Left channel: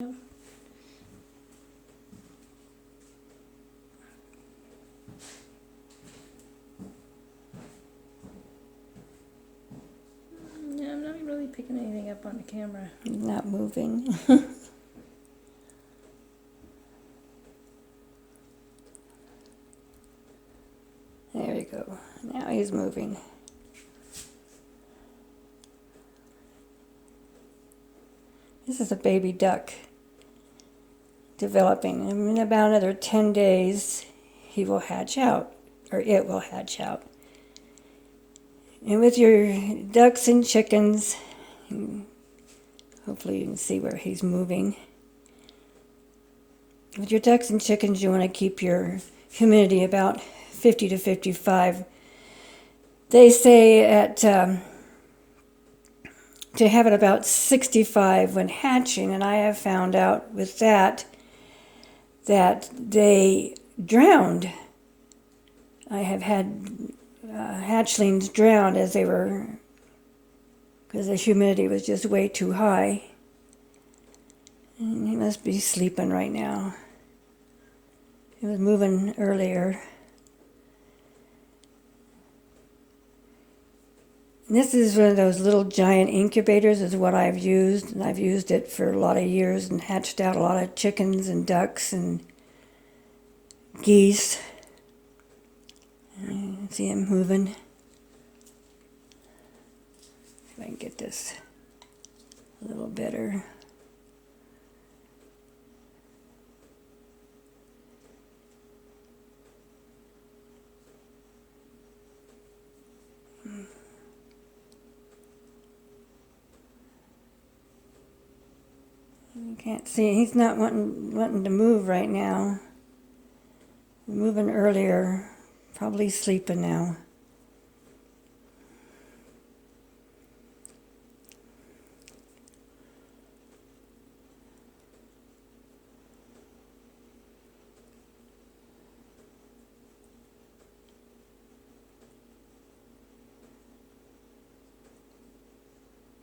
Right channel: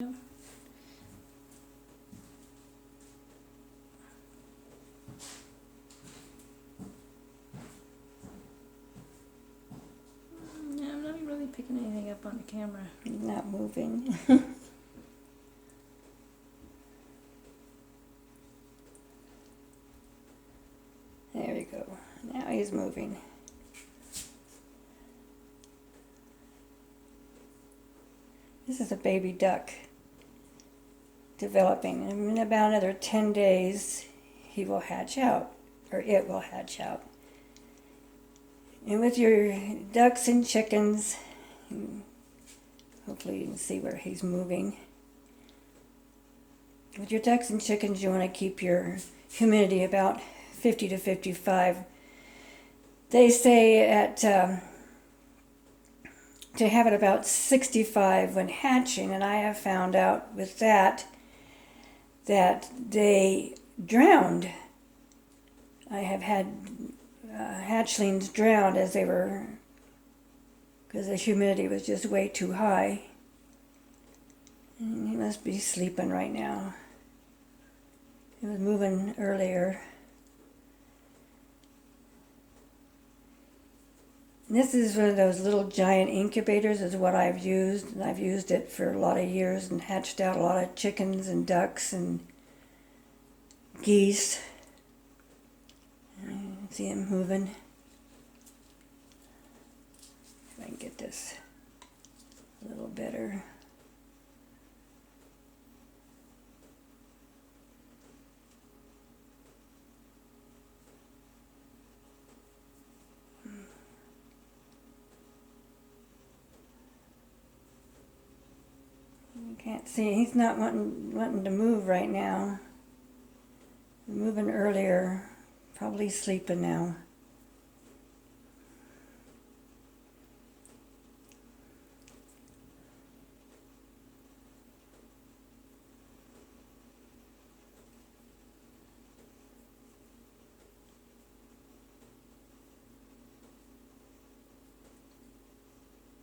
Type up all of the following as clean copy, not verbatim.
Yeah, I'm not really picking anything up on the camera. Not moving. There we go. Now he's moving. This is a baby duck developing. In about another 10 days, he will hatch out, or it will hatch out. And with your ducks and chickens, hopefully you can see where he's moving. With your ducks and chickens, you want to keep your humidity about 50 to 55. They say to have it about 65 when hatching, and I have found out with that they drowned. I have had hatchlings drowned as they were, because the humidity was just way too high. And he must be sleeping right now. He was moving earlier. This is one of those little giant incubators is what I've used, and I've used it for a lot of years and hatched out a lot of chickens and ducks and geese. You can see him moving. If I can get this a little better. You can't see. He's not wanting to move right now. Moving earlier, probably sleeping now.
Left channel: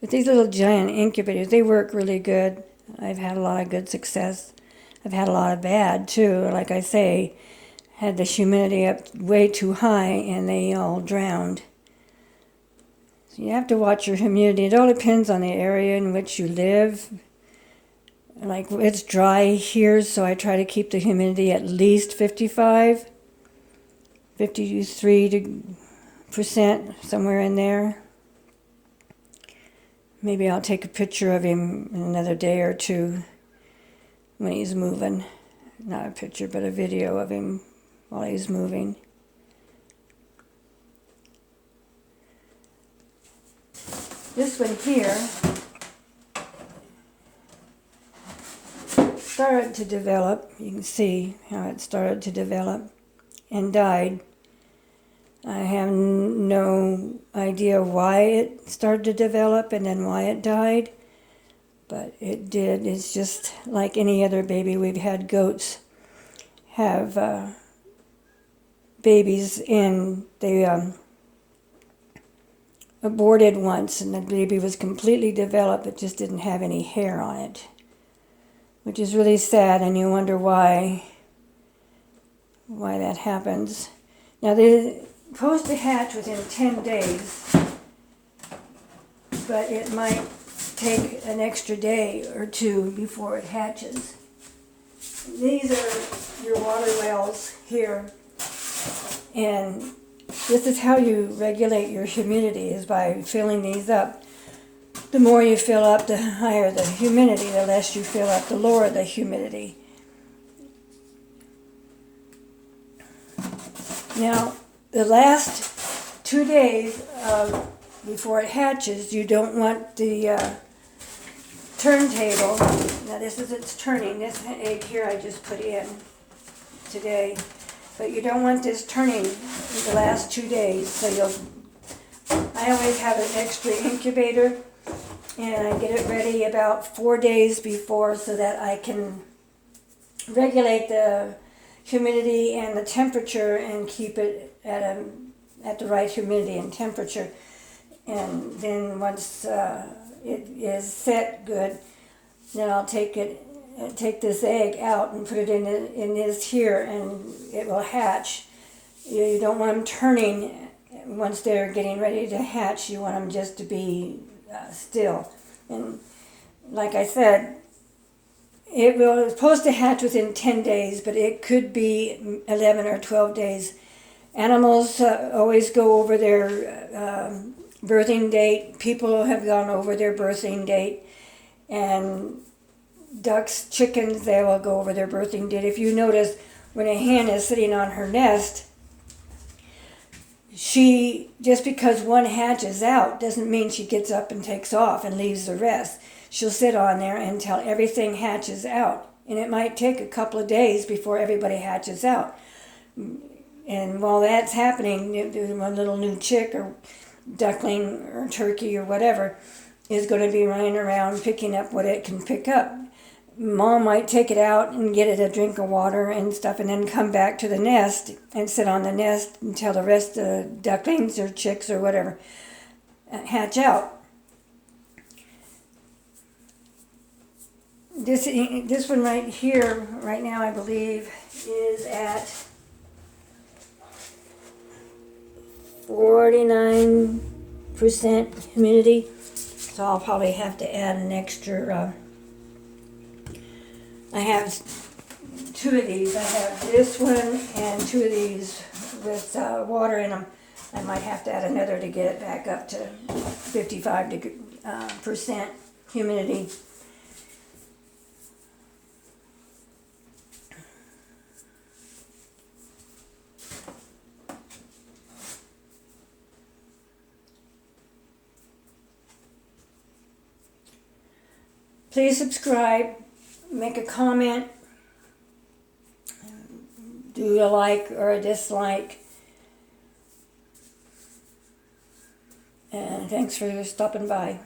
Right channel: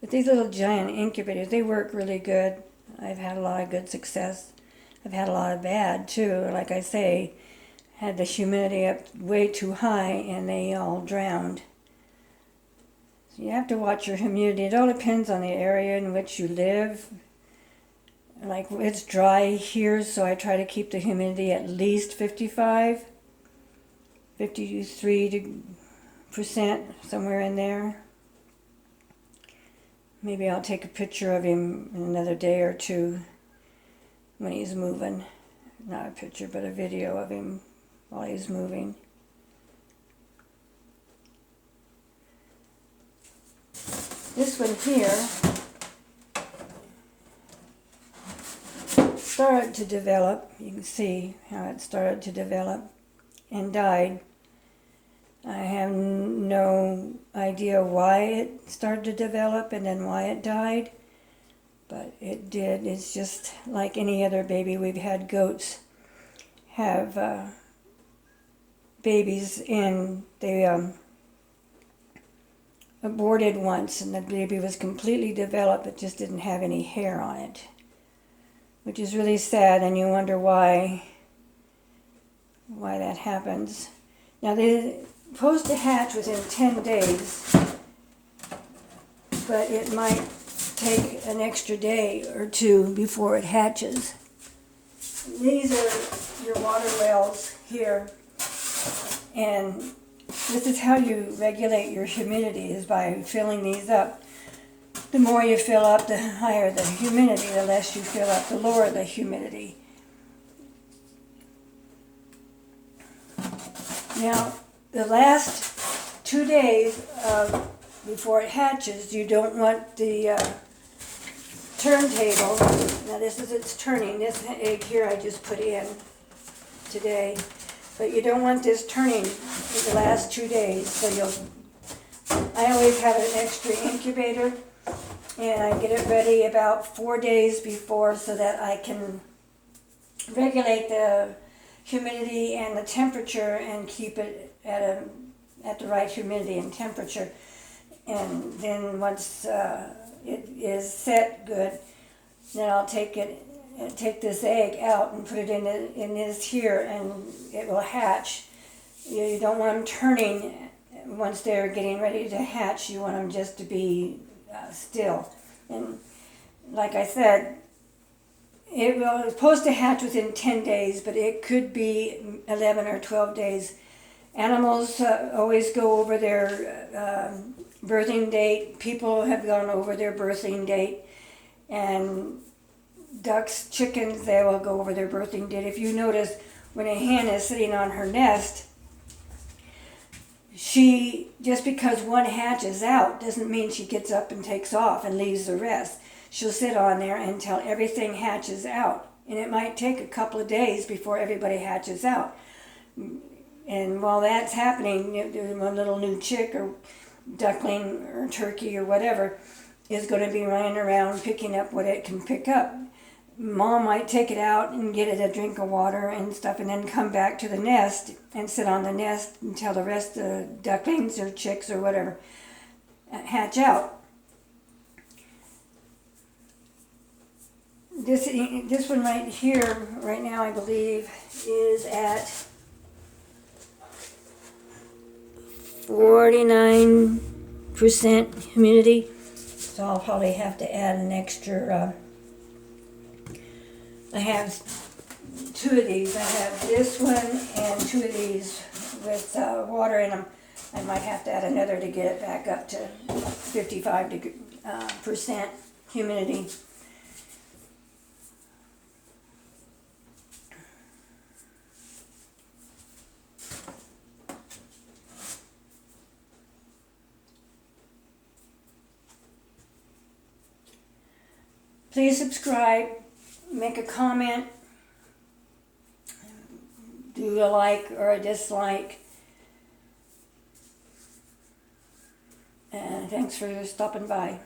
But these little giant incubators, they work really good. I've had a lot of good success. I've had a lot of bad too. Like I say, had the humidity up way too high and they all drowned. So you have to watch your humidity. It all depends on the area in which you live. Like it's dry here, so I try to keep the humidity at least 55, 53%, somewhere in there. Maybe I'll take a picture of him in another day or two when he's moving. Not a picture, but a video of him while he's moving. This one here started to develop. You can see how it started to develop and died. I have no idea why it started to develop and then why it died, but it did. It's just like any other baby. We've had goats have babies and they aborted once, and the baby was completely developed but just didn't have any hair on it, which is really sad, and you wonder why that happens. Now they're supposed to hatch within 10 days, but it might take an extra day or two before it hatches. These are your water wells here, and this is how you regulate your humidity, is by filling these up. The more you fill up, the higher the humidity. The less you fill up, the lower the humidity. Now, the last 2 days before it hatches, you don't want the turntable. Now this is its turning. This egg here I just put in today. But you don't want this turning in the last 2 days. So I always have an extra incubator, and I get it ready about 4 days before so that I can regulate the humidity and the temperature and keep it at the right humidity and temperature. And then once it is set good, then I'll take it take this egg out and put it in this here, and it will hatch. You don't want them turning once they're getting ready to hatch. You want them just to be still. And like I said, it's supposed to hatch within 10 days, but it could be 11 or 12 days. Animals always go over their birthing date. People have gone over their birthing date. And ducks, chickens, they will go over their birthing date. If you notice, when a hen is sitting on her nest, just because one hatches out doesn't mean she gets up and takes off and leaves the rest. She'll sit on there until everything hatches out. And it might take a couple of days before everybody hatches out. And while that's happening, one little new chick or duckling or turkey or whatever is going to be running around picking up what it can pick up. Mom might take it out and get it a drink of water and stuff, and then come back to the nest and sit on the nest until the rest of the ducklings or chicks or whatever hatch out. This one right here, right now, I believe, is at 49% humidity. So I'll probably have to add an extra. I have two of these. I have this one and two of these with water in them. I might have to add another to get it back up to 55% humidity. Please subscribe, make a comment, do a like or a dislike. And thanks for stopping by.